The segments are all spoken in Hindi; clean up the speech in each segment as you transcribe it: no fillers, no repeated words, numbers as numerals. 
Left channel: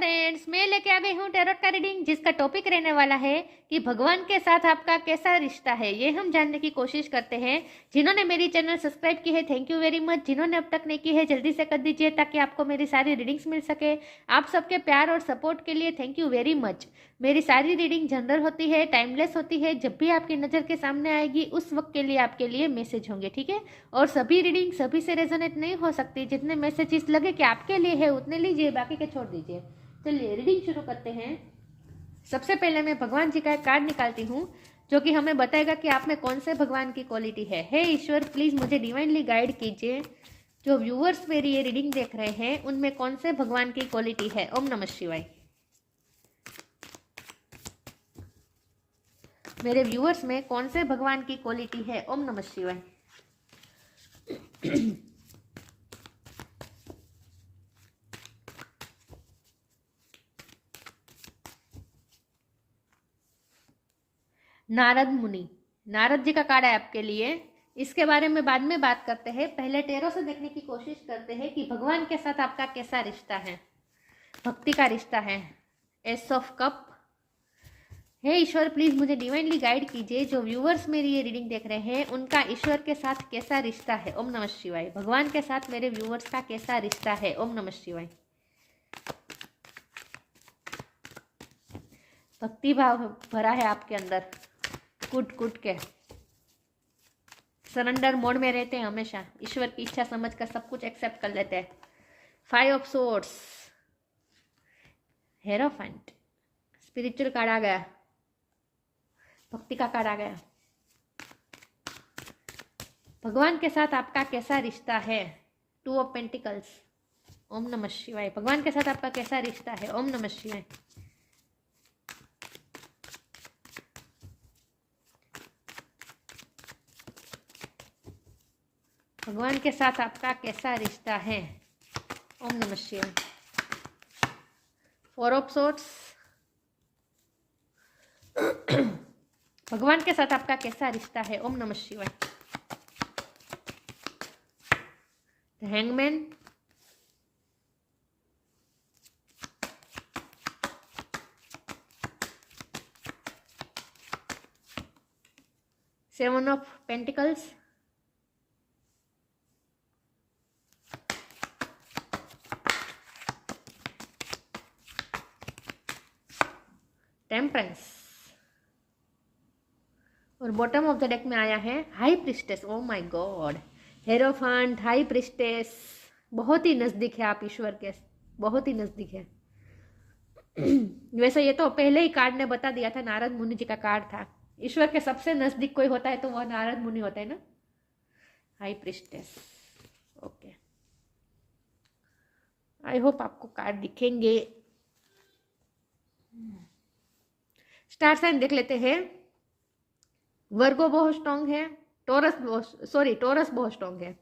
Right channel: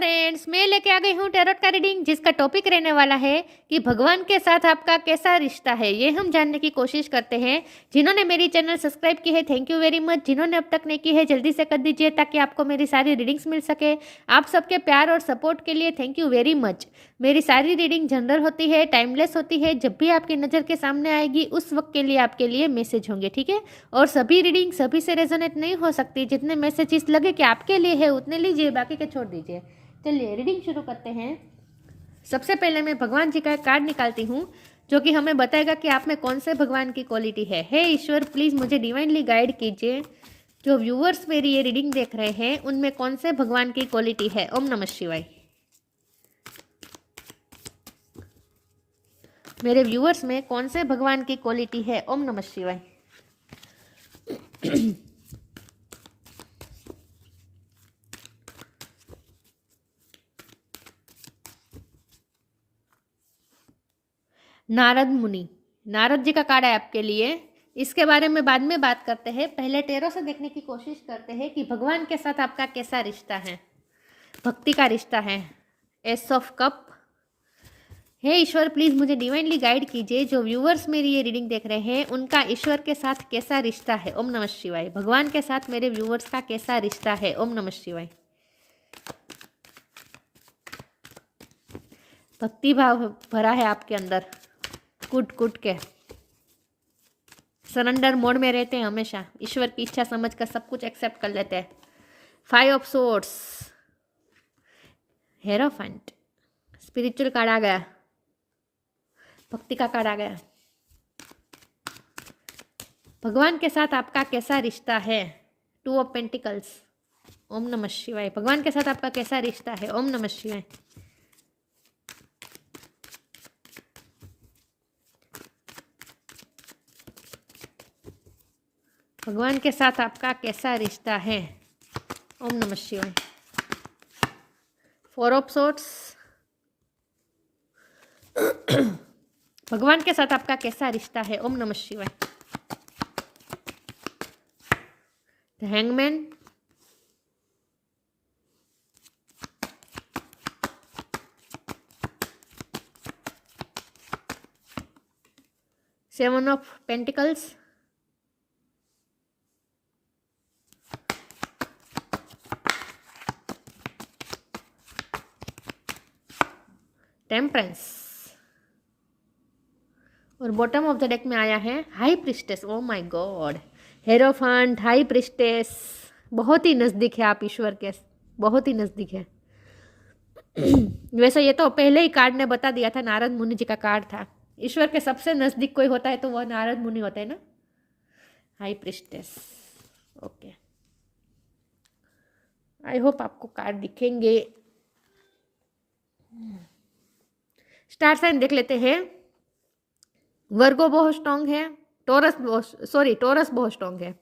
फ्रेंड्स, मैं लेके आ गई हूँ टैरोट का रीडिंग जिसका टॉपिक रहने वाला है कि भगवान के साथ आपका कैसा रिश्ता है। ये हम जानने की कोशिश करते हैं। जिन्होंने मेरी चैनल सब्सक्राइब की है थैंक यू वेरी मच। जिन्होंने अब तक नहीं की है जल्दी से कर दीजिए ताकि आपको मेरी सारी रीडिंग्स मिल सके। आप सबके प्यार और सपोर्ट के लिए थैंक यू वेरी मच। मेरी सारी रीडिंग जनरल होती है, टाइमलेस होती है। जब भी आपकी नज़र के सामने आएगी उस वक्त के लिए आपके लिए मैसेज होंगे, ठीक है। और सभी रीडिंग सभी से रेजोनेट नहीं हो सकती। जितने मैसेजेस लगे कि आपके लिए है उतने लीजिए, बाकी के छोड़ दीजिए। चलिए रीडिंग शुरू करते हैं। सबसे पहले मैं भगवान जी का एक कार्ड निकालती हूँ जो कि हमें बताएगा कि आप में कौन से भगवान की क्वालिटी है। हे ईश्वर, प्लीज़ मुझे डिवाइनली गाइड कीजिए। जो व्यूअर्स मेरी ये रीडिंग देख रहे हैं उनमें कौन से भगवान की क्वालिटी है। ओम नमः शिवाय। मेरे व्यूअर्स में कौन से भगवान की क्वालिटी है। ओम नमः शिवाय। नारद मुनि, नारद जी का कार्ड है आपके लिए। इसके बारे में बाद में बात करते हैं। पहले टेरो से देखने की कोशिश करते हैं कि भगवान के साथ आपका कैसा रिश्ता है, भक्ति का रिश्ता है। Ace of cup. हे ईश्वर, प्लीज मुझे डिवाइनली गाइड कीजिए। जो व्यूअर्स मेरी ये रीडिंग देख रहे हैं उनका ईश्वर के साथ कैसा रिश्ता है। ओम नमः शिवाय। भगवान के साथ मेरे व्यूअर्स का कैसा रिश्ता है। ओम नमः शिवाय। भक्ति भाव भरा है आपके अंदर, कूट कूट के सरेंडर मोड में रहते हैं हमेशा। ईश्वर की इच्छा समझ कर सब कुछ एक्सेप्ट कर लेते हैं। 5 of swords, hierophant, spiritual card आ गया, भक्ति का कार्ड आ गया। भगवान के साथ आपका कैसा रिश्ता है। 2 ऑफ पेंटिकल्स। ओम नमः शिवाय। भगवान के साथ आपका कैसा रिश्ता है। ओम नमः शिवाय। भगवान के साथ आपका कैसा रिश्ता है। ओम नमः शिवाय। 4 ऑफ सोर्ड्स। भगवान के साथ आपका कैसा रिश्ता है। ओम नमः शिवाय। The hangman. Seven of pentacles. Temperance. और बॉटम ऑफ द डेक में आया है high priestess. Oh my God, hierophant, high priestess. बहुत ही नज़दीक है आप ईश्वर के, बहुत ही नज़दीक है। वैसे ये तो पहले ही कार्ड ने बता दिया था, नारद मुनि जी का कार्ड था। ईश्वर के सबसे नज़दीक कोई होता है तो वह नारद मुनि होता है ना। High priestess, okay. I hope आपको कार्ड दिखेंगे। स्टार साइन देख लेते हैं। वर्गो बहुत स्ट्रॉन्ग है, टोरस बहुत स्ट्रॉन्ग है,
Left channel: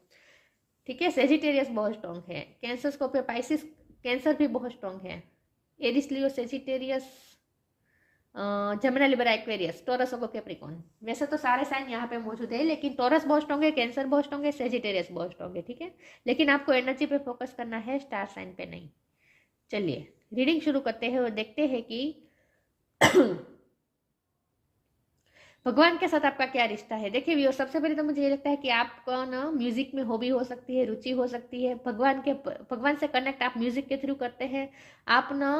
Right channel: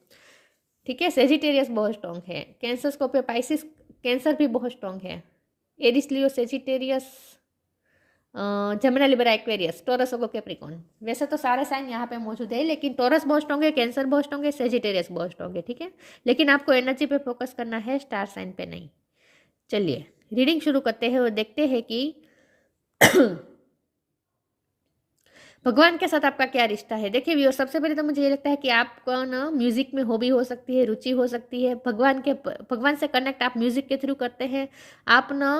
ठीक है। सेजिटेरियस बहुत स्ट्रॉन्ग है, कैंसर स्कॉर्पियो पाइसिस, कैंसर भी बहुत स्ट्रॉन्ग है। Aries Leo Sagittarius, Gemini Libra Aquarius, Taurus और कैप्रिकॉर्न। वैसे तो सारे साइन यहाँ पे मौजूद है लेकिन टोरस बहुत स्ट्रॉन्ग है, कैंसर बहुत स्ट्रॉन्ग है, सेजिटेरियस बहुत स्ट्रॉन्ग है, ठीक है। लेकिन आपको एनर्जी पे फोकस करना है, स्टार साइन पे नहीं। चलिए रीडिंग शुरू करते हैं और देखते हैं कि भगवान के साथ आपका क्या रिश्ता है। देखिए व्यूअर, सबसे पहले तो मुझे ये लगता है कि आपका ना म्यूजिक में हॉबी हो सकती है, रुचि हो सकती है। भगवान से कनेक्ट आप म्यूजिक के थ्रू करते हैं। आप ना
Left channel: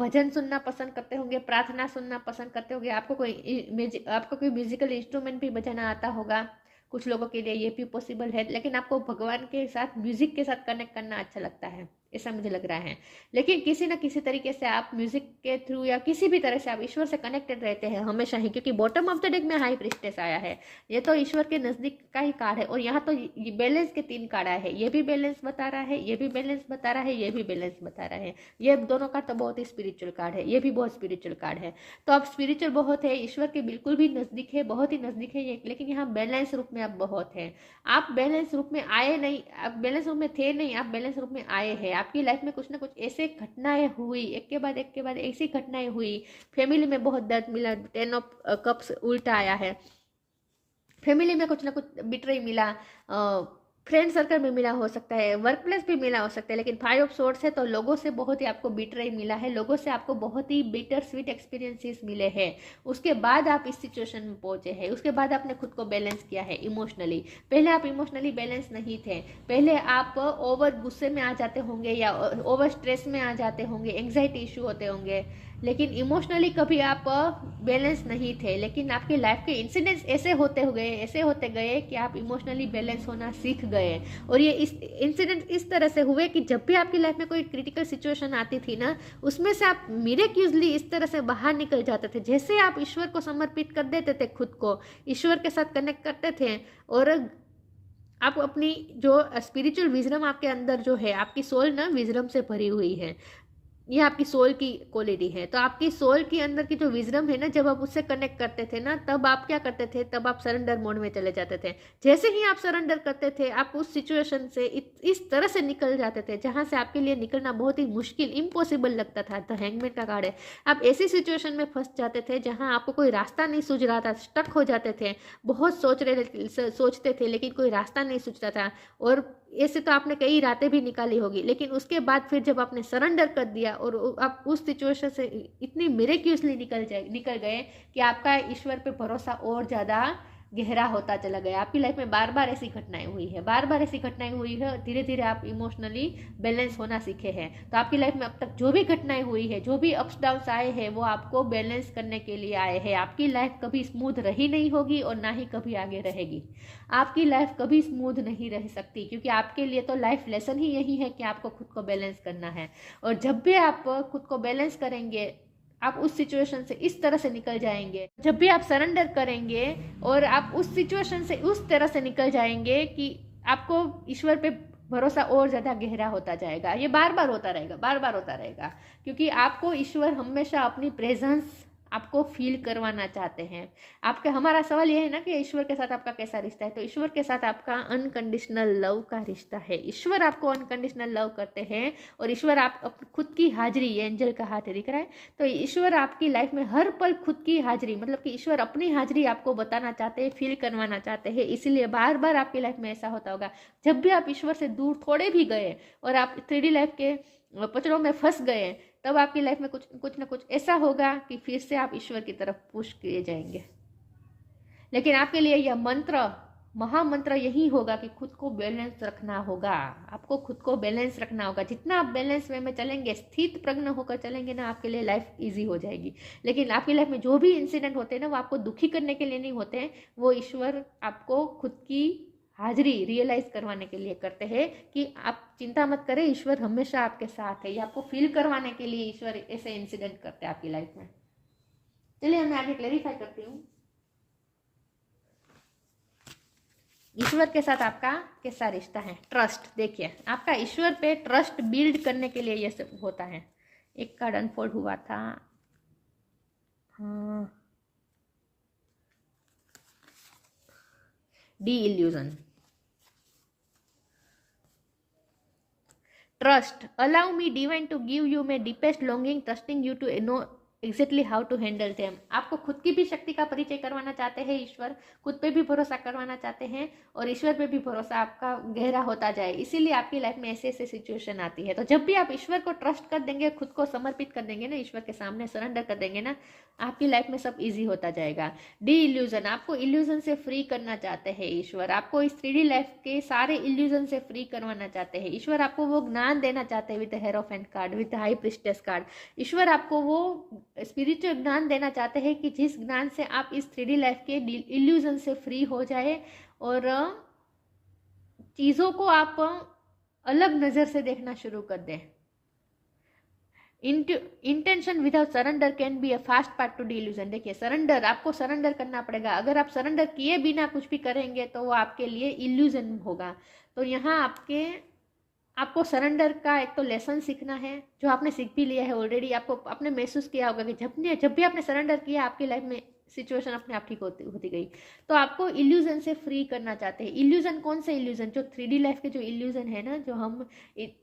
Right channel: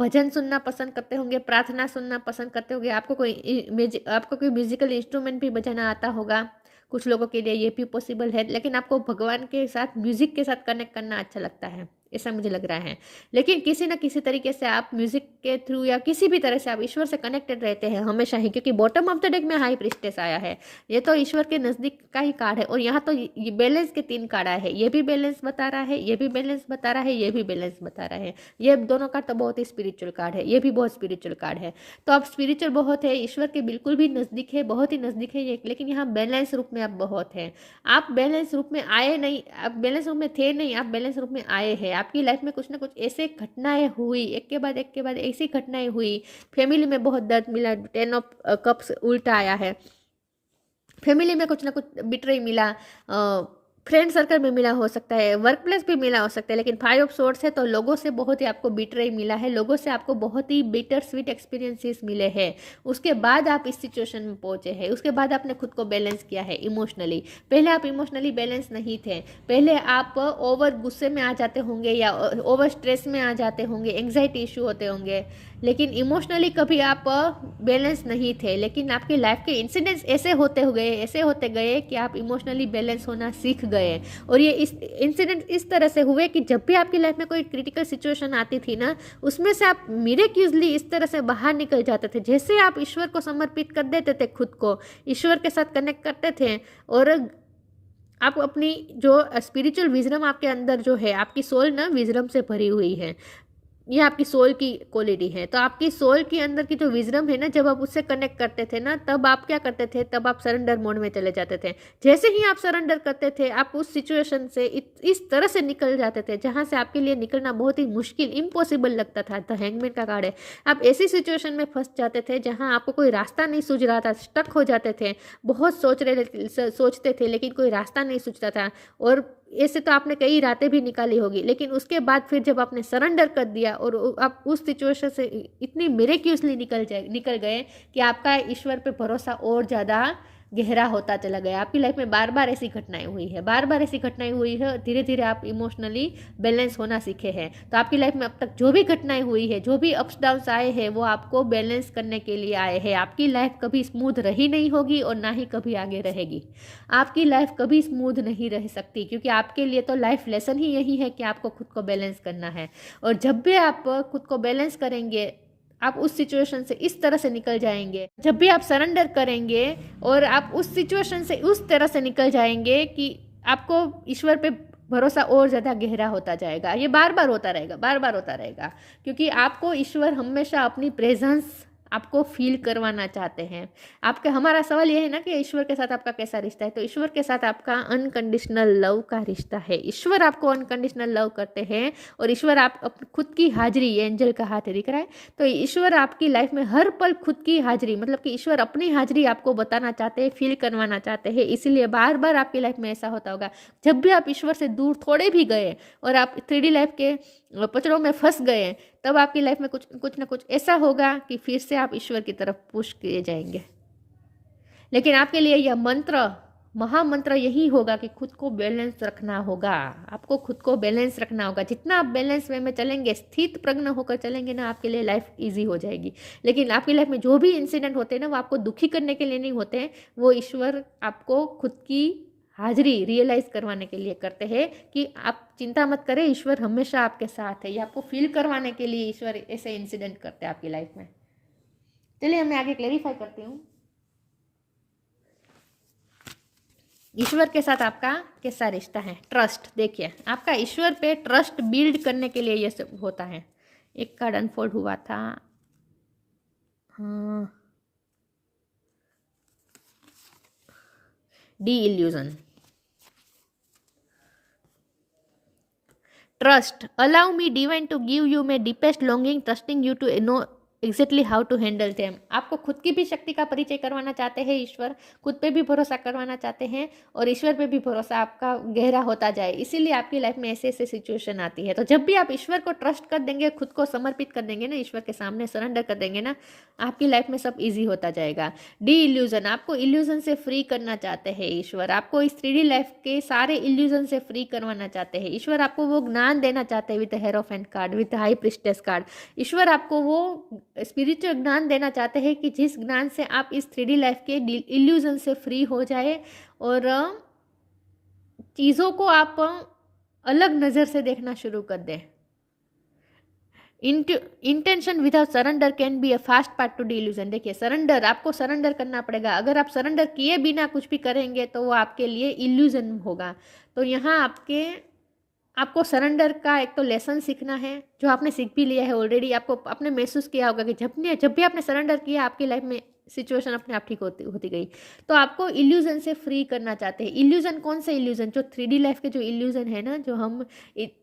भजन सुनना पसंद करते होंगे, प्रार्थना सुनना पसंद करते होंगे। आपको कोई म्यूजिकल इंस्ट्रूमेंट भी बजाना आता होगा। कुछ लोगों के लिए ये भी पॉसिबल है। लेकिन आपको भगवान के साथ, म्यूजिक के साथ कनेक्ट करना अच्छा लगता है, ऐसा मुझे लग रहा है। लेकिन किसी न किसी तरीके से आप म्यूजिक के थ्रू या किसी भी तरह से आप ईश्वर से कनेक्टेड रहते हैं हमेशा ही, क्योंकि बॉटम ऑफ द डेक में हाई प्रिस्टेस आया है। ये तो ईश्वर के नज़दीक का ही कार्ड है। और यहाँ तो ये बैलेंस के 3 कार्ड आए हैं। ये भी बैलेंस बता रहा है, ये भी बैलेंस बता रहा है, ये भी बैलेंस बता रहा है। ये दोनों कार्ड तो बहुत ही स्पिरिचुअल कार्ड है, ये भी बहुत स्पिरिचुअल कार्ड है। तो आप स्पिरिचुअल बहुत है, ईश्वर के बिल्कुल भी नज़दीक है, बहुत ही नज़दीक है। लेकिन यहाँ बैलेंस रूप में आप बहुत है। आप बैलेंस रूप में आए नहीं, आप बैलेंस रूप में थे नहीं, आप बैलेंस रूप में आए हैं। आपकी लाइफ में कुछ ना कुछ ऐसे घटनाएं हुई, एक के बाद ऐसी घटनाएं हुई। फैमिली में बहुत दर्द मिला, 10 ऑफ कप्स उल्टा आया है। फैमिली में कुछ ना कुछ बिट्रे मिला, फ्रेंड सर्कल में मिला हो सकता है, वर्क प्लेस पे मिला हो सकता है, लेकिन 5 ऑफ सोर्ड्स है तो लोगों से बहुत ही आपको बिटरे मिला है, लोगों से आपको बहुत ही बिटर स्वीट एक्सपीरियंसेस मिले हैं। उसके बाद आप इस सिचुएशन में पहुंचे हैं, उसके बाद आपने खुद को बैलेंस किया है इमोशनली। पहले आप इमोशनली बैलेंस नहीं थे, पहले आप ओवर गुस्से में आ जाते होंगे या ओवर स्ट्रेस में आ जाते होंगे, एंग्जाइटी इशू होते होंगे, लेकिन इमोशनली कभी आप बैलेंस नहीं थे। लेकिन आपकी लाइफ के इंसिडेंट्स ऐसे होते गए कि आप इमोशनली बैलेंस होना सीख गए। और ये इस इंसिडेंट इस तरह से हुए कि जब भी आपकी लाइफ में कोई क्रिटिकल सिचुएशन आती थी ना, उसमें से आप मिरेक्यूजली इस तरह से बाहर निकल जाते थे। जैसे आप ईश्वर को समर्पित कर देते थे, खुद को ईश्वर के साथ कनेक्ट करते थे, और आप अपनी जो स्पिरिचुअल विजडम आपके अंदर जो है, आपकी सोल ना विजडम से भरी हुई है, ये आपकी सोल की क्वालिटी है। तो आपकी सोल के अंदर की जो विजडम है ना, जब आप उससे कनेक्ट करते थे ना, तब आप क्या करते थे, तब आप सरेंडर मोड में चले जाते थे। जैसे ही आप सरेंडर करते थे, आप उस सिचुएशन से इस तरह से निकल जाते थे जहां से आपके लिए निकलना बहुत ही मुश्किल, इम्पॉसिबल लगता था। द हैंगमैन का कार्ड है, आप ऐसी सिचुएशन में फंस जाते थे जहां आपको कोई रास्ता नहीं सूझ रहा था, स्टक हो जाते थे, बहुत सोचते थे लेकिन कोई रास्ता नहीं सूझता था। और ऐसे तो आपने कई रातें भी निकाली होगी, लेकिन उसके बाद फिर जब आपने सरेंडर कर दिया और आप उस सिचुएशन से इतनी मिरेक्यूसली निकल गए कि आपका ईश्वर पे भरोसा और ज़्यादा गहरा होता चला गया। आपकी लाइफ में बार बार ऐसी घटनाएं हुई है, बार बार ऐसी घटनाएं हुई है, धीरे धीरे आप इमोशनली बैलेंस होना सीखे हैं। तो आपकी लाइफ में अब तक जो भी घटनाएं हुई है, जो भी अप्स डाउन्स आए हैं, वो आपको बैलेंस करने के लिए आए हैं। आपकी लाइफ कभी स्मूथ रही नहीं होगी और ना ही कभी आगे रहेगी। आपकी लाइफ कभी स्मूथ नहीं रह सकती, क्योंकि आपके लिए तो लाइफ लेसन ही यही है कि आपको खुद को बैलेंस करना है। और जब भी आप खुद को बैलेंस करेंगे, आप उस सिचुएशन से इस तरह से निकल जाएंगे। जब भी आप सरेंडर करेंगे और आप उस सिचुएशन से उस तरह से निकल जाएंगे कि आपको ईश्वर पे भरोसा और ज़्यादा गहरा होता जाएगा। ये बार बार होता रहेगा, बार बार होता रहेगा, क्योंकि आपको ईश्वर हमेशा अपनी प्रेजेंस आपको फील करवाना चाहते हैं। आपका हमारा सवाल यह है ना कि ईश्वर के साथ आपका कैसा रिश्ता है। तो ईश्वर के साथ आपका अनकंडीशनल लव का रिश्ता है। ईश्वर आपको अनकंडीशनल लव करते हैं और ईश्वर आप खुद की हाजिरी, एंजल का हाथ दिख रहा है, तो ईश्वर आपकी लाइफ में हर पल खुद की हाजिरी, मतलब कि ईश्वर अपनी हाजिरी आपको बताना चाहते हैं, फील करवाना चाहते हैं। इसीलिए बार बार आपकी लाइफ में ऐसा होता होगा, जब भी आप ईश्वर से दूर थोड़े भी गए और आप 3D लाइफ के पचड़ों में फंस गए, तब आपकी लाइफ में कुछ ना कुछ ऐसा होगा कि फिर से आप ईश्वर की तरफ पुश किए जाएंगे। लेकिन आपके लिए यह मंत्र, महामंत्र यही होगा कि खुद को बैलेंस रखना होगा। आपको खुद को बैलेंस रखना होगा। जितना आप बैलेंस वे में चलेंगे, स्थित प्रज्ञ होकर चलेंगे ना, आपके लिए लाइफ इजी हो जाएगी। लेकिन आपकी लाइफ में जो भी इंसिडेंट होते हैं ना, वो आपको दुखी करने के लिए नहीं होते हैं, वो ईश्वर आपको खुद की हाजिरी रियलाइज करवाने के लिए करते हैं कि आप चिंता मत करें, ईश्वर हमेशा आपके साथ है। ये आपको फील करवाने के लिए ईश्वर ऐसे इंसिडेंट करते हैं आपकी लाइफ में। चलिए मैं आगे क्लैरिफाई करती हूँ, ईश्वर के साथ आपका कैसा रिश्ता है। ट्रस्ट, देखिए आपका ईश्वर पे ट्रस्ट बिल्ड करने के लिए ये सब होता है। एक कार्ड अनफोल्ड हुआ था, the illusion. Trust, allow me divine to give you my deepest longing, trusting you to know exactly how to handle them. आपको खुद की भी शक्ति का परिचय करवाना चाहते हैं ईश्वर, खुद पे भी भरोसा करवाना चाहते हैं और ईश्वर पे भी भरोसा आपका गहरा होता जाए। इसीलिए आपकी लाइफ में ऐसे ऐसे सिचुएशन आती है। तो जब भी आप ईश्वर को ट्रस्ट कर देंगे, खुद को समर्पित कर देंगे ना, ईश्वर के सामने सरेंडर कर देंगे ना, आपकी लाइफ में सब ईजी होता जाएगा। डी इल्यूजन, आपको इल्यूजन से फ्री करना चाहते हैं ईश्वर। आपको इस 3D लाइफ के सारे इल्यूजन से फ्री करवाना चाहते हैं ईश्वर। आपको वो ज्ञान देना चाहते हैं with hierophant card, with high priestess card. ईश्वर आपको वो स्पिरिचुअल ज्ञान देना चाहते हैं कि जिस ज्ञान से आप इस 3D लाइफ के इल्यूजन से फ्री हो जाए और चीज़ों को आप अलग नज़र से देखना शुरू कर दें। Intention without surrender can be a fast part two D illusion. देखिए सरेंडर, आपको सरेंडर करना पड़ेगा। अगर आप सरेंडर किए बिना कुछ भी करेंगे तो वो आपके लिए इल्यूजन होगा। तो यहाँ आपको सरेंडर का एक तो लेसन सीखना है, जो आपने सीख भी लिया है ऑलरेडी। आपको आपने महसूस किया होगा कि जब भी आपने सरेंडर किया, आपकी लाइफ में सिचुएशन अपने आप ठीक होती गई। तो आपको इल्यूजन से फ्री करना चाहते हैं। इल्यूजन कौन से इल्यूजन? जो 3D लाइफ के जो इल्यूजन है ना, जो हम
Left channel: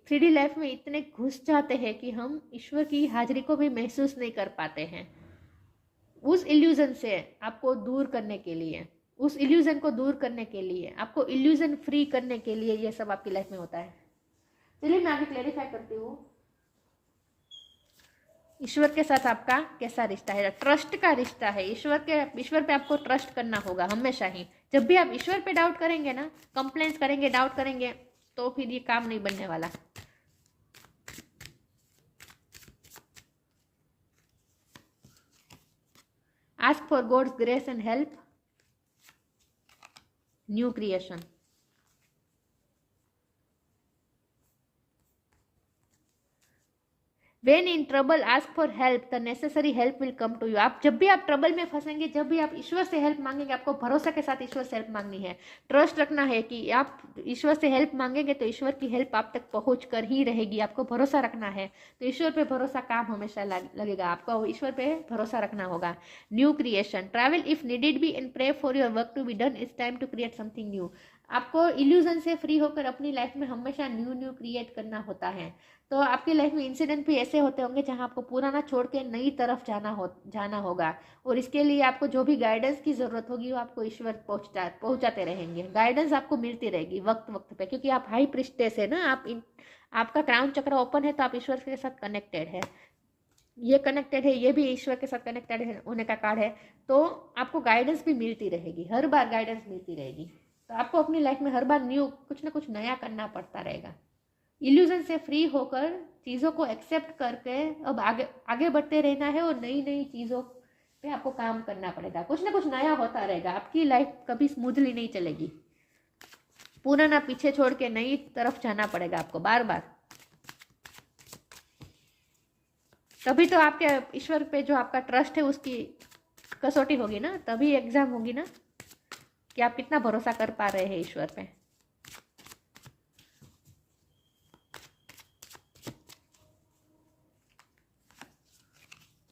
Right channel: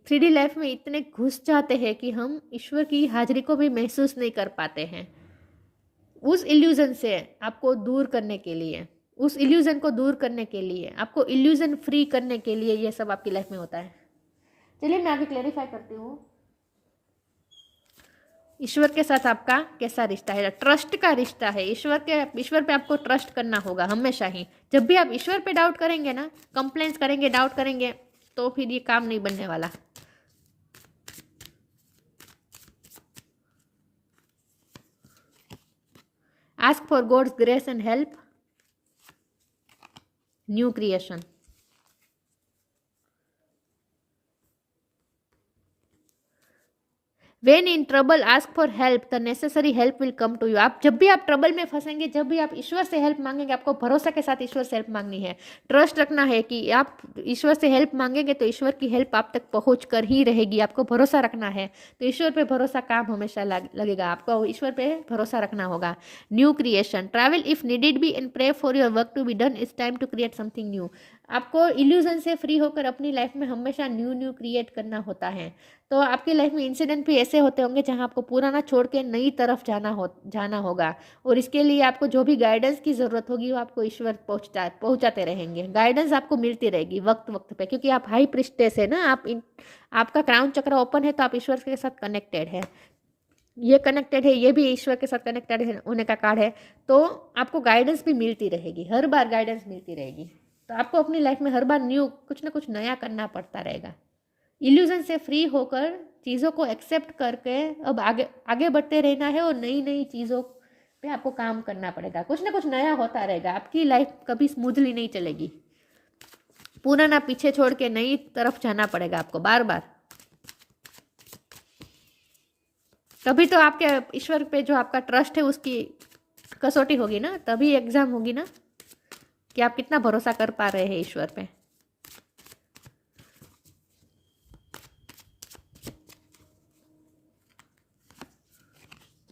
3D लाइफ में इतने घुस जाते हैं कि हम ईश्वर की हाजिरी को भी महसूस नहीं कर पाते हैं। उस इल्यूजन से आपको दूर करने के लिए, उस इल्यूजन को दूर करने के लिए, आपको इल्यूजन फ्री करने के लिए ये सब आपकी लाइफ में होता है। चलिए मैं आगे क्लेरिफाई करती हूँ। ईश्वर के साथ आपका कैसा रिश्ता है? ट्रस्ट का रिश्ता है। ईश्वर पे आपको ट्रस्ट करना होगा हमेशा ही। जब भी आप ईश्वर पे डाउट करेंगे ना, कंप्लेंट्स करेंगे, डाउट करेंगे, तो फिर ये काम नहीं बनने वाला। Ask for God's grace and help, new creation. When in trouble, ask for help. The necessary help will come to you. आप जब भी आप ट्रबल में फंसेंगे, जब भी आप ईश्वर से हेल्प मांगेंगे, आपको भरोसा के साथ ईश्वर से हेल्प मांगनी है। ट्रस्ट रखना है कि आप ईश्वर से हेल्प मांगेंगे तो ईश्वर की हेल्प आप तक पहुंच कर ही रहेगी। आपको भरोसा रखना है, तो ईश्वर पे भरोसा काम हमेशा लगेगा। आपको ईश्वर पे भरोसा रखना होगा। New creation, travel if needed be and pray for your work to be done. It's time to create something new. आपको इल्यूजन से फ्री होकर अपनी लाइफ में हमेशा न्यू क्रिएट करना होता है। तो आपकी लाइफ में इंसिडेंट भी ऐसे होते होंगे जहां आपको पुराना छोड़ के नई तरफ जाना होगा, और इसके लिए आपको जो भी गाइडेंस की ज़रूरत होगी वो आपको ईश्वर पहुंचाते रहेंगे। गाइडेंस आपको मिलती रहेगी वक्त वक्त पे, क्योंकि आप हाई प्रिस्टेस है ना, आपका क्राउन चक्र ओपन है, तो आप ईश्वर के साथ कनेक्टेड है। ये कनेक्टेड है, ये भी ईश्वर के साथ कनेक्टेड होने का कार्ड है। तो आपको गाइडेंस भी मिलती रहेगी, हर बार गाइडेंस मिलती रहेगी। तो आपको अपनी लाइफ में हर बार कुछ ना कुछ नया करना पड़ता रहेगा। इल्यूजन से फ्री होकर चीज़ों को एक्सेप्ट करके अब आगे बढ़ते रहना है, और नई नई चीज़ों पे आपको काम करना पड़ेगा। कुछ ना कुछ नया होता रहेगा। आपकी लाइफ कभी स्मूथली नहीं चलेगी। पुराना पीछे छोड़ के नई तरफ जाना पड़ेगा आपको बार बार। तभी तो आपके ईश्वर पे जो आपका ट्रस्ट है उसकी कसौटी होगी ना, तभी एग्जाम होगी ना कि आप कितना भरोसा कर पा रहे हैं ईश्वर पे।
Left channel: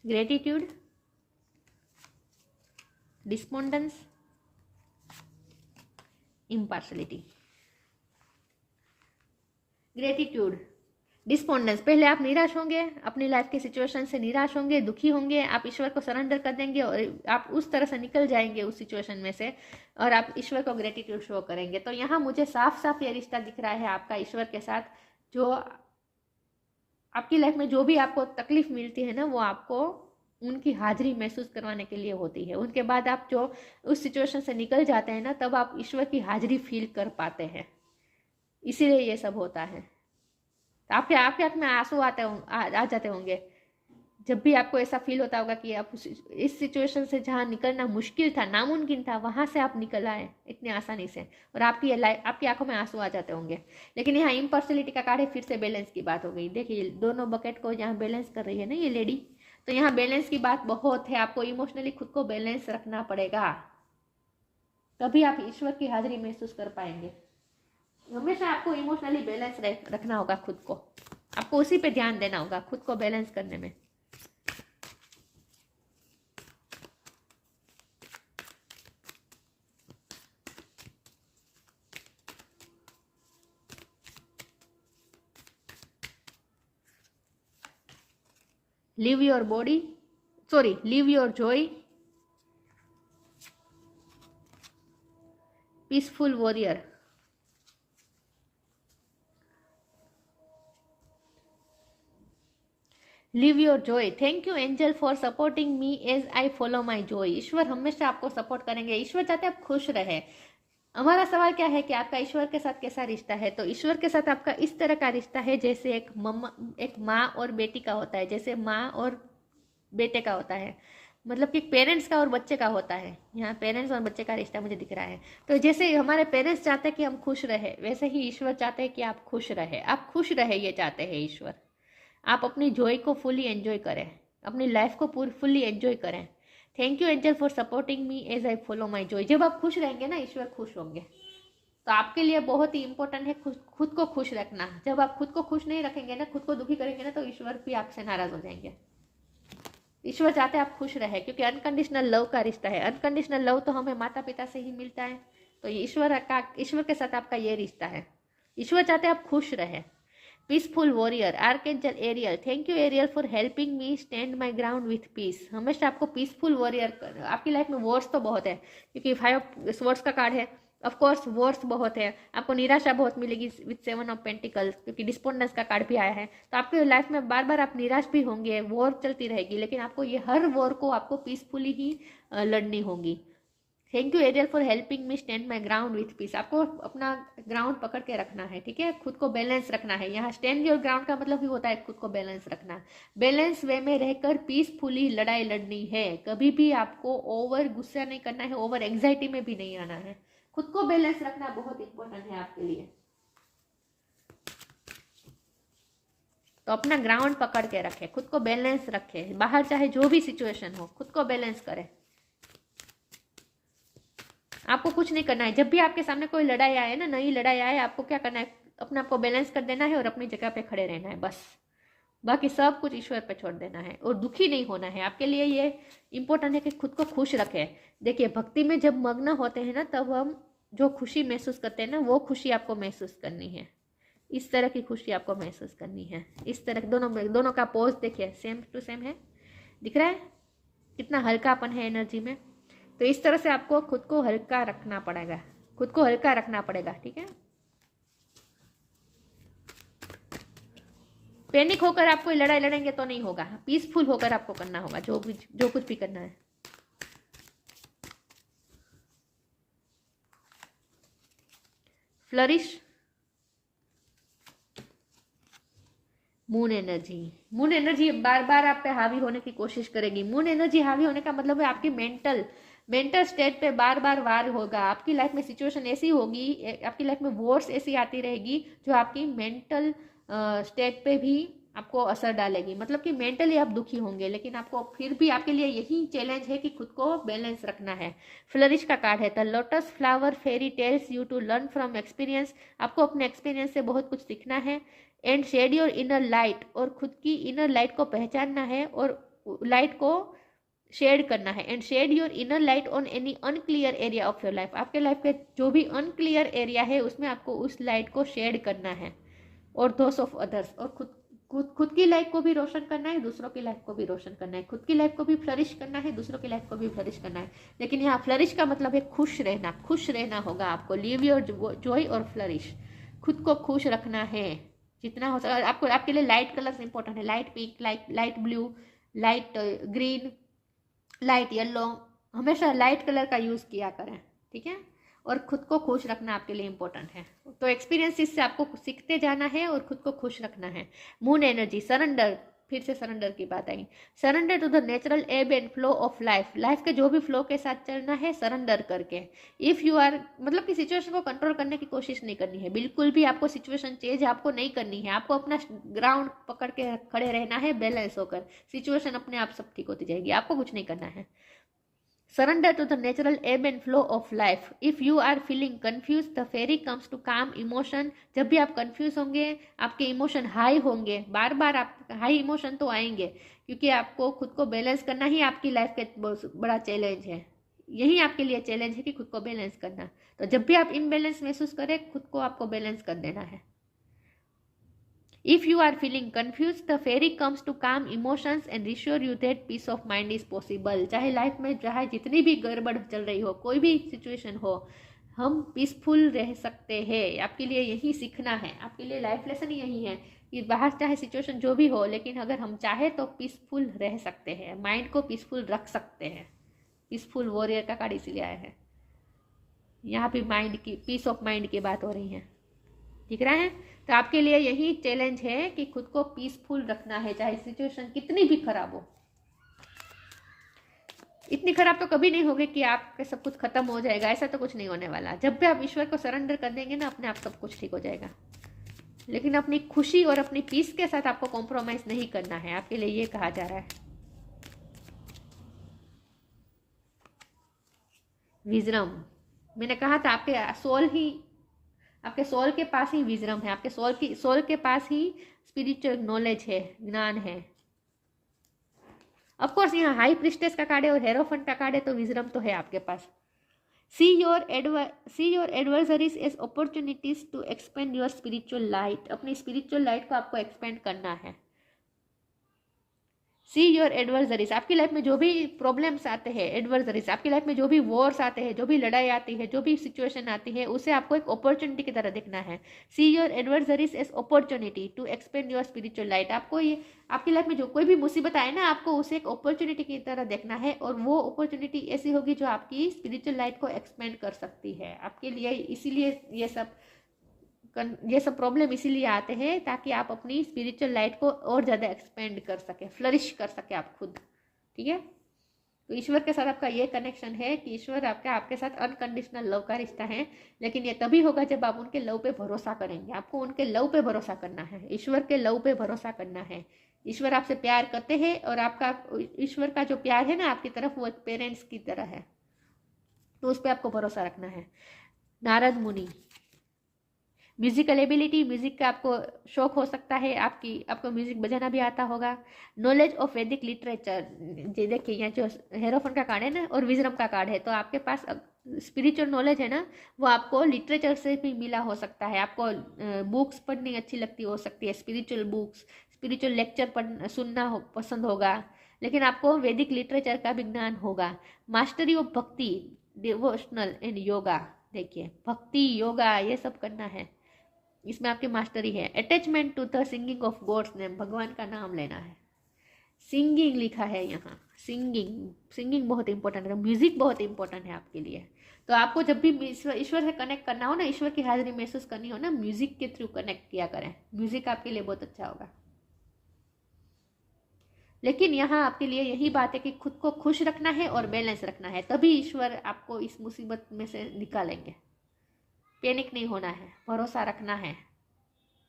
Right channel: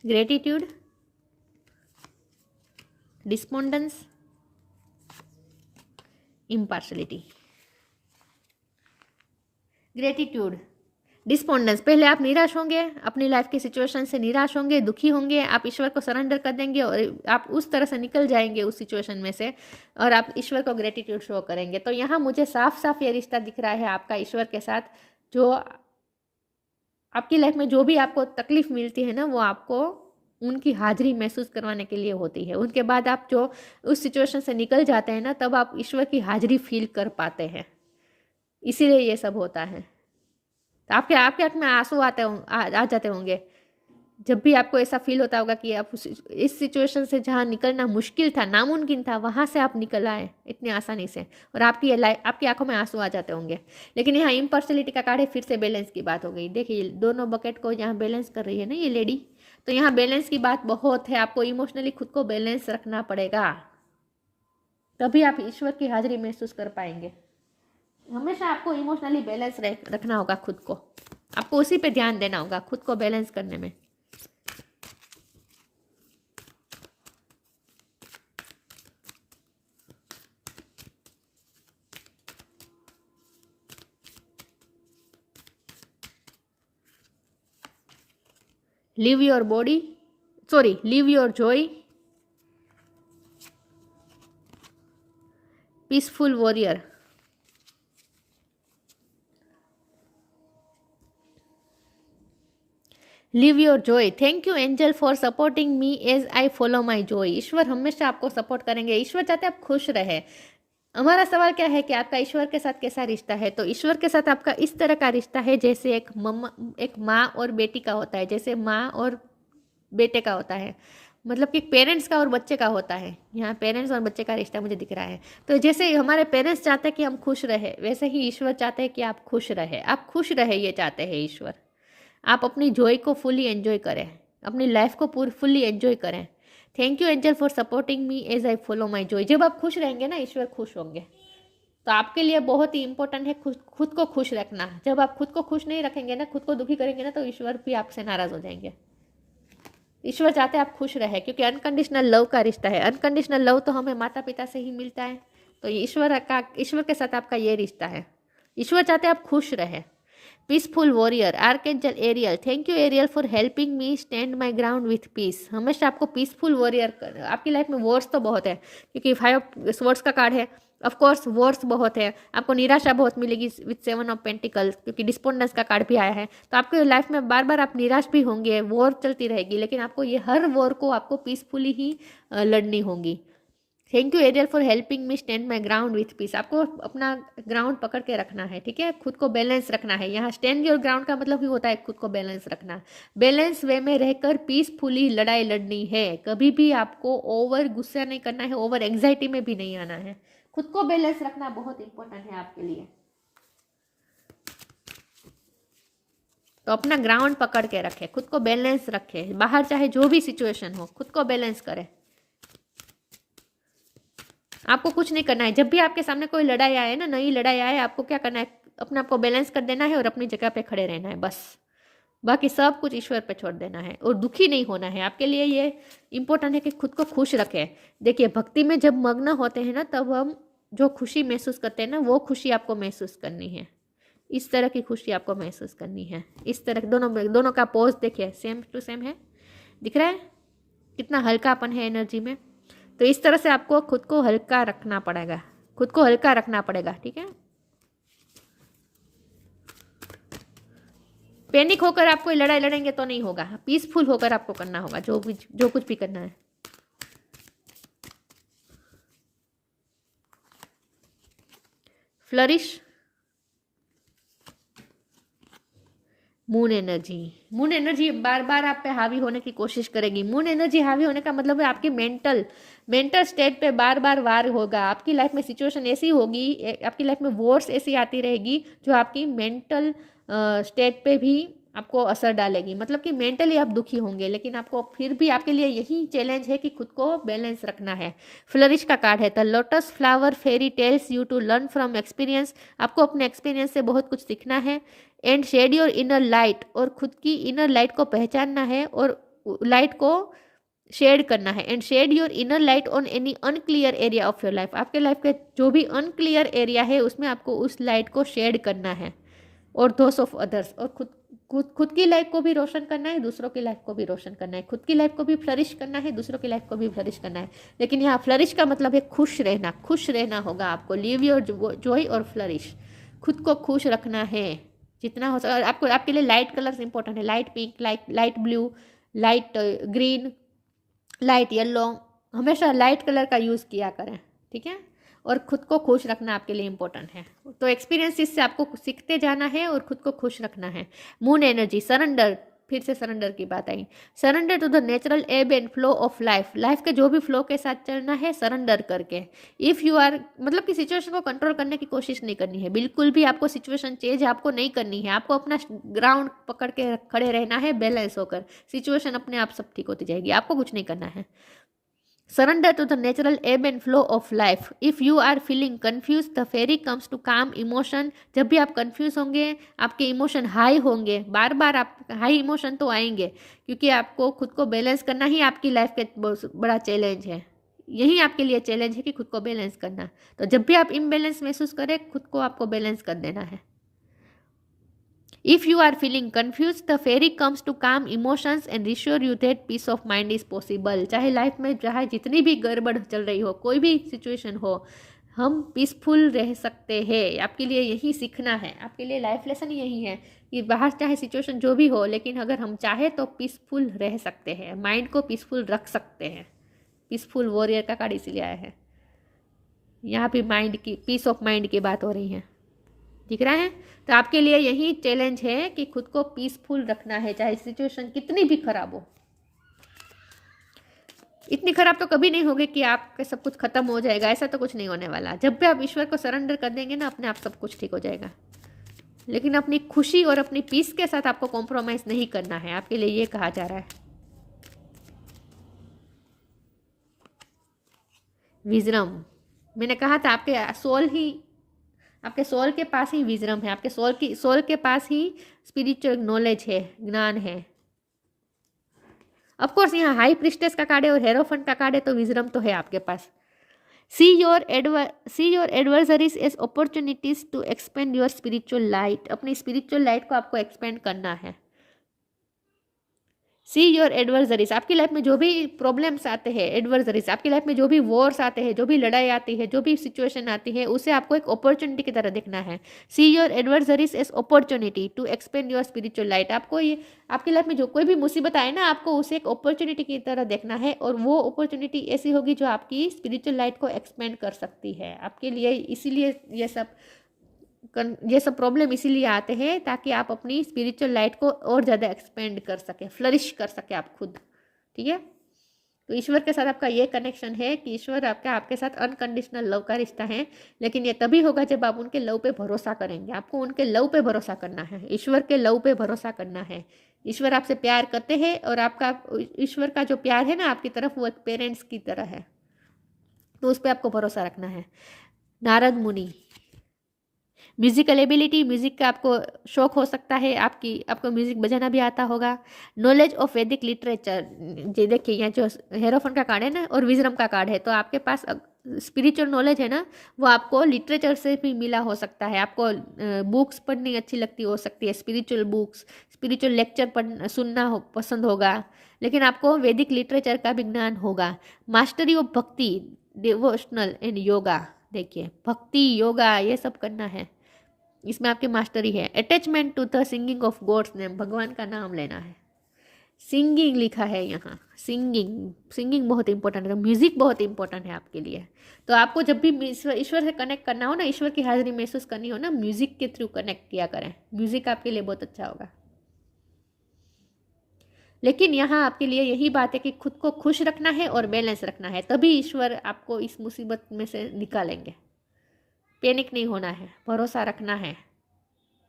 Gratitude, despondence, impartiality. Gratitude, despondence, पहले आप निराश होंगे, अपनी लाइफ की सिचुएशन से निराश होंगे, दुखी होंगे, आप ईश्वर को सरेंडर कर देंगे और आप उस तरह से निकल जाएंगे उस सिचुएशन में से, और आप ईश्वर को ग्रेटिट्यूड शो करेंगे। तो यहाँ मुझे साफ साफ ये रिश्ता दिख रहा है आपका ईश्वर के साथ। जो आपकी लाइफ में जो भी आपको तकलीफ मिलती है ना, वो आपको उनकी हाजिरी महसूस करवाने के लिए होती है। उनके बाद आप जो उस सिचुएशन से निकल जाते हैं ना, तब आप ईश्वर की हाजिरी फील कर पाते हैं। इसीलिए ये सब होता है। तो आपके आंख में आंसू आ जाते होंगे जब भी आपको ऐसा फील होता होगा कि आप इस सिचुएशन से जहाँ निकलना मुश्किल था, नामुमकिन था, वहाँ से आप निकल आए इतनी आसानी से, और आपकी आंखों में आंसू आ जाते होंगे। लेकिन यहाँ इम्पर्सनलिटी का कार्ड है, फिर से बैलेंस की बात हो गई। देखिए दोनों बकेट को यहाँ बैलेंस कर रही है ना ये लेडी, तो यहाँ बैलेंस की बात बहुत है। आपको इमोशनली खुद को बैलेंस रखना पड़ेगा, तभी आप ईश्वर की हाजिरी महसूस कर पाएंगे। हमेशा आपको इमोशनली बैलेंस रखना होगा खुद को, आपको उसी पे ध्यान देना होगा खुद को बैलेंस करने में। Live your joy, peaceful warrior. Live your joy. Thank you angel for supporting me as I follow my joy. ईश्वर हमेशा आपको सपोर्ट करेंगे। ईश्वर चाहते हैं आप खुश रहे। हमारा सवाल क्या है कि आपका ईश्वर के साथ कैसा रिश्ता है? तो ईश्वर के साथ आपका इस तरह का रिश्ता है जैसे एक माँ और बेटी का होता है, जैसे माँ और बेटे का होता है, मतलब कि पेरेंट्स का और बच्चे का होता है। यहाँ पेरेंट्स और बच्चे का रिश्ता मुझे दिख रहा है। तो जैसे हमारे पेरेंट्स चाहते हैं कि हम खुश रहे, वैसे ही ईश्वर चाहते हैं कि आप खुश रहे। आप खुश रहे ये चाहते हैं ईश्वर। आप अपनी जॉय को फुली एंजॉय करें, अपनी लाइफ को फुल्ली एंजॉय करें। Thank you angel for supporting me as I follow my joy. जब आप खुश रहेंगे ना, ईश्वर खुश होंगे। तो आपके लिए बहुत ही इंपॉर्टेंट है खुद को खुश रखना। जब आप खुद को खुश नहीं रखेंगे ना, खुद को दुखी करेंगे ना, तो ईश्वर भी आपसे नाराज हो जाएंगे। ईश्वर चाहते हैं आप खुश रहे, क्योंकि अनकंडीशनल लव का रिश्ता है। अनकंडीशनल लव तो हमें माता पिता से ही मिलता है। तो ईश्वर के साथ आपका ये रिश्ता है। ईश्वर चाहते हैं आप खुश रहे। Peaceful warrior, archangel Ariel, thank you Ariel for helping me stand my ground with peace. हमेशा आपको पीसफुल वॉरियर, आपकी लाइफ में वॉर्स तो बहुत है क्योंकि 5 स्वॉर्ड्स का कार्ड है, ऑफ कोर्स वॉर्स बहुत है, आपको निराशा बहुत मिलेगी विथ 7 ऑफ पेंटिकल्स क्योंकि डिस्पोंडेंस का कार्ड भी आया है। तो आपके लाइफ में बार बार आप निराश भी होंगे, वॉर चलती रहेगी, लेकिन आपको ये हर वॉर को आपको पीसफुली ही लड़नी होगी। Thank you Ariel for helping me stand my ground with peace. आपको अपना ग्राउंड पकड़ के रखना है, ठीक है, खुद को बैलेंस रखना है। यहाँ स्टैंड योर ग्राउंड का मतलब ही होता है खुद को बैलेंस रखना, बैलेंस वे में रहकर पीसफुली लड़ाई लड़नी है। कभी भी आपको ओवर गुस्सा नहीं करना है, ओवर एंग्जाइटी में भी नहीं आना है। खुद को बैलेंस रखना बहुत इंपॉर्टेंट है आपके लिए। तो अपना ग्राउंड पकड़ के रखे, खुद को बैलेंस रखे, बाहर चाहे जो भी सिचुएशन हो खुद को बैलेंस करे। आपको कुछ नहीं करना है, जब भी आपके सामने कोई लड़ाई आए ना, नई लड़ाई आए, आपको क्या करना है, अपने आप को बैलेंस कर देना है और अपनी जगह पे खड़े रहना है बस। बाकी सब कुछ ईश्वर पे छोड़ देना है और दुखी नहीं होना है। आपके लिए ये इंपॉर्टेंट है कि खुद को खुश रखें। देखिए भक्ति में जब मग्न होते हैं ना, तब हम जो खुशी महसूस करते हैं ना, वो खुशी आपको महसूस करनी है। इस तरह की खुशी आपको महसूस करनी है। इस तरह दोनों का पोज देखिए, सेम टू सेम है, दिख रहा है कितना हल्कापन है एनर्जी में। तो इस तरह से आपको खुद को हल्का रखना पड़ेगा, खुद को हल्का रखना पड़ेगा, ठीक है। पैनिक होकर आप कोई लड़ाई लड़ेंगे तो नहीं होगा, पीसफुल होकर आपको करना होगा जो कुछ भी करना है। Flourish, moon energy, moon energy बार बार आप पे हावी होने की कोशिश करेगी। मून एनर्जी हावी होने का मतलब है आपकी मेंटल स्टेट पे बार बार वार होगा। आपकी लाइफ में सिचुएशन ऐसी होगी, आपकी लाइफ में वॉर्स ऐसी आती रहेगी जो आपकी मेंटल स्टेट पे भी आपको असर डालेगी। मतलब कि मेंटली आप दुखी होंगे, लेकिन आपको फिर भी आपके लिए यही चैलेंज है कि खुद को बैलेंस रखना है। फ्लरिश का कार्ड है the lotus flower fairy tells you to learn from experience. आपको अपने एक्सपीरियंस से बहुत कुछ सीखना है। And shed your inner light, और खुद की इनर लाइट को पहचानना है और लाइट को शेड करना है। And shed your inner light on any unclear area of your life. आपके लाइफ के जो भी अनक्लियर एरिया है उसमें आपको उस लाइट को शेड करना है। और दोस ऑफ अदर्स, और खुद की लाइफ को भी रोशन करना है, दूसरों की लाइफ को भी रोशन करना है। खुद की लाइफ को भी फ्लरिश करना है, दूसरों की लाइफ को भी फ्लरिश करना है। लेकिन यहाँ फ्लरिश का मतलब है खुश रहना, खुश रहना होगा आपको। लिव योर जॉय और फ्लरिश, खुद को खुश रखना है जितना हो सके। आपको आपके लिए लाइट कलर्स इंपॉर्टेंट है, light pink, light blue, light green, light yellow, हमेशा लाइट कलर का यूज़ किया करें, ठीक है। और खुद को खुश रखना आपके लिए इंपॉर्टेंट है। तो एक्सपीरियंस से आपको सीखते जाना है और खुद को खुश रखना है। मून एनर्जी, सरेंडर, फिर से सरेंडर की बात आई। सरेंडर टू द नेचुरल एब and flow of life. Life के जो भी फ्लो के साथ चलना है, सरेंडर करके। इफ़ यू आर, मतलब कि सिचुएशन को कंट्रोल करने की कोशिश नहीं करनी है, बिल्कुल भी आपको सिचुएशन चेंज आपको नहीं करनी है। आपको अपना ग्राउंड पकड़ के खड़े रहना है, बैलेंस होकर। सिचुएशन अपने आप सब ठीक होती जाएगी, आपको कुछ नहीं करना है। Surrender to the natural ebb and flow of life. If you are feeling confused, the fairy comes to calm emotion. जब भी आप कंफ्यूज होंगे, आपके इमोशन हाई होंगे, बार बार आप हाई इमोशन तो आएंगे, क्योंकि आपको खुद को बैलेंस करना ही आपकी लाइफ का बहुत बड़ा चैलेंज है। यही आपके लिए चैलेंज है कि खुद को बैलेंस करना। तो जब भी आप इम्बैलेंस महसूस करें, खुद को आपको बैलेंस कर देना है। If you are feeling confused, the fairy comes to calm emotions and reassure you that peace of mind is possible. चाहे लाइफ में चाहे जितनी भी गड़बड़ चल रही हो, कोई भी सिचुएशन हो, हम पीसफुल रह सकते हैं। आपके लिए यही सीखना है, आपके लिए लाइफ लेसन यही है कि बाहर चाहे सिचुएशन जो भी हो, लेकिन अगर हम चाहे तो पीसफुल रह सकते हैं, माइंड को पीसफुल रख सकते हैं। पीसफुल वॉरियर का कार्ड इसलिए आया है। यहाँ भी माइंड की, पीस ऑफ माइंड की बात हो रही है, दिख रहा है। तो आपके लिए यही चैलेंज है कि खुद को पीसफुल रखना है, चाहे सिचुएशन कितनी भी खराब हो। इतनी खराब तो कभी नहीं होगी कि आपके सब कुछ खत्म हो जाएगा, ऐसा तो कुछ नहीं होने वाला। जब भी आप ईश्वर को सरेंडर कर देंगे ना, अपने आप सब कुछ ठीक हो जाएगा। लेकिन अपनी खुशी और अपनी पीस के साथ आपको कॉम्प्रोमाइज नहीं करना है, आपके लिए ये कहा जा रहा है। विजडम, मैंने कहा था आपके सोल के पास ही विजडम है, आपके सोल के पास ही स्पिरिचुअल नॉलेज है, ज्ञान है। ऑफ कोर्स यहाँ हाई प्रिस्टेस का कार्ड है और हेरोफंट का कार्ड है, तो विजडम तो है आपके पास। See your adversaries as opportunities to expand your spiritual light. अपनी स्पिरिचुअल लाइट को आपको एक्सपेंड करना है। सी योर एडवर्सरीज, आपकी लाइफ में जो भी प्रॉब्लम्स आते हैं, एडवर्सरीज आपकी लाइफ में जो भी वॉर्स आते हैं, जो भी लड़ाई आती है, जो भी सिचुएशन आती है, उसे आपको एक अपॉर्चुनिटी की तरह देखना है। See your adversaries as opportunity to expand your spiritual light. आपको ये आपकी लाइफ में जो कोई भी मुसीबत आए ना, आपको उसे एक अपॉर्चुनिटी की तरह देखना है, और वो अपॉर्चुनिटी ऐसी होगी जो आपकी स्पिरिचुअल लाइट को एक्सपेंड कर सकती है आपके लिए। इसीलिए ये सब प्रॉब्लम इसीलिए आते हैं ताकि आप अपनी स्पिरिचुअल लाइट को और ज़्यादा एक्सपेंड कर सके, फ्लरिश कर सके आप खुद। ठीक है, तो ईश्वर के साथ आपका ये कनेक्शन है कि ईश्वर आपके साथ अनकंडीशनल लव का रिश्ता है, लेकिन ये तभी होगा जब आप उनके लव पे भरोसा करेंगे। आपको उनके लव पे भरोसा करना है, ईश्वर के लव पे भरोसा करना है। ईश्वर आपसे प्यार करते हैं, और आपका ईश्वर का जो प्यार है ना आपकी तरफ, वो एक पेरेंट्स की तरह है, तो उस पर आपको भरोसा रखना है। नारद मुनि, म्यूजिकल एबिलिटी, म्यूजिक का आपको शौक हो सकता है, आपको म्यूजिक बजाना भी आता होगा। नॉलेज ऑफ वैदिक लिटरेचर, ये देखिए यहाँ जो हेरोफन का कार्ड है ना और विजरम का कार्ड है, तो आपके पास स्पिरिचुअल नॉलेज है ना, वो आपको लिटरेचर से भी मिला हो सकता है। आपको बुक्स पढ़नी अच्छी लगती हो सकती है, स्पिरिचुअल बुक्स, स्पिरिचुअल लेक्चर सुनना पसंद होगा, लेकिन आपको वैदिक लिटरेचर का भी ज्ञान होगा। मास्टरी ऑफ भक्ति, डिवोशनल एंड योगा, देखिए भक्ति योगा ये सब करना है, इसमें आपकी मास्टरी है। Attachment to the singing of God's name, भगवान का नाम लेना है। सिंगिंग लिखा है यहाँ, सिंगिंग बहुत इंपॉर्टेंट है, म्यूजिक बहुत इंपॉर्टेंट है आपके लिए। तो आपको जब भी ईश्वर से कनेक्ट करना हो ना, ईश्वर की हाजिरी महसूस करनी हो ना, म्यूजिक के थ्रू कनेक्ट किया करें, म्यूजिक आपके लिए बहुत अच्छा होगा। लेकिन यहाँ आपके लिए यही बात है कि खुद को खुश रखना है और बैलेंस रखना है, तभी ईश्वर आपको इस मुसीबत में से निकालेंगे। पैनिक नहीं होना है, भरोसा रखना है।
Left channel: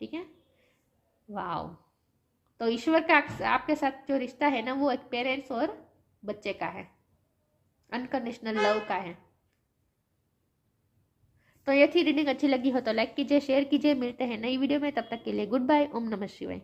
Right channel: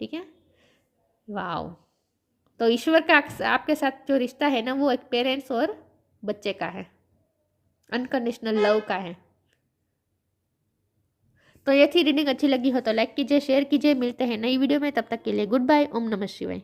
ठीक है, वाओ। तो ईश्वर का आपके साथ जो रिश्ता है ना, वो एक पेरेंट्स और बच्चे का है, अनकंडीशनल लव का है। तो ये थी रीडिंग, अच्छी लगी हो तो लाइक कीजिए, शेयर कीजिए। मिलते हैं नई वीडियो में, तब तक के लिए गुड बाय। ओम नमः शिवाय।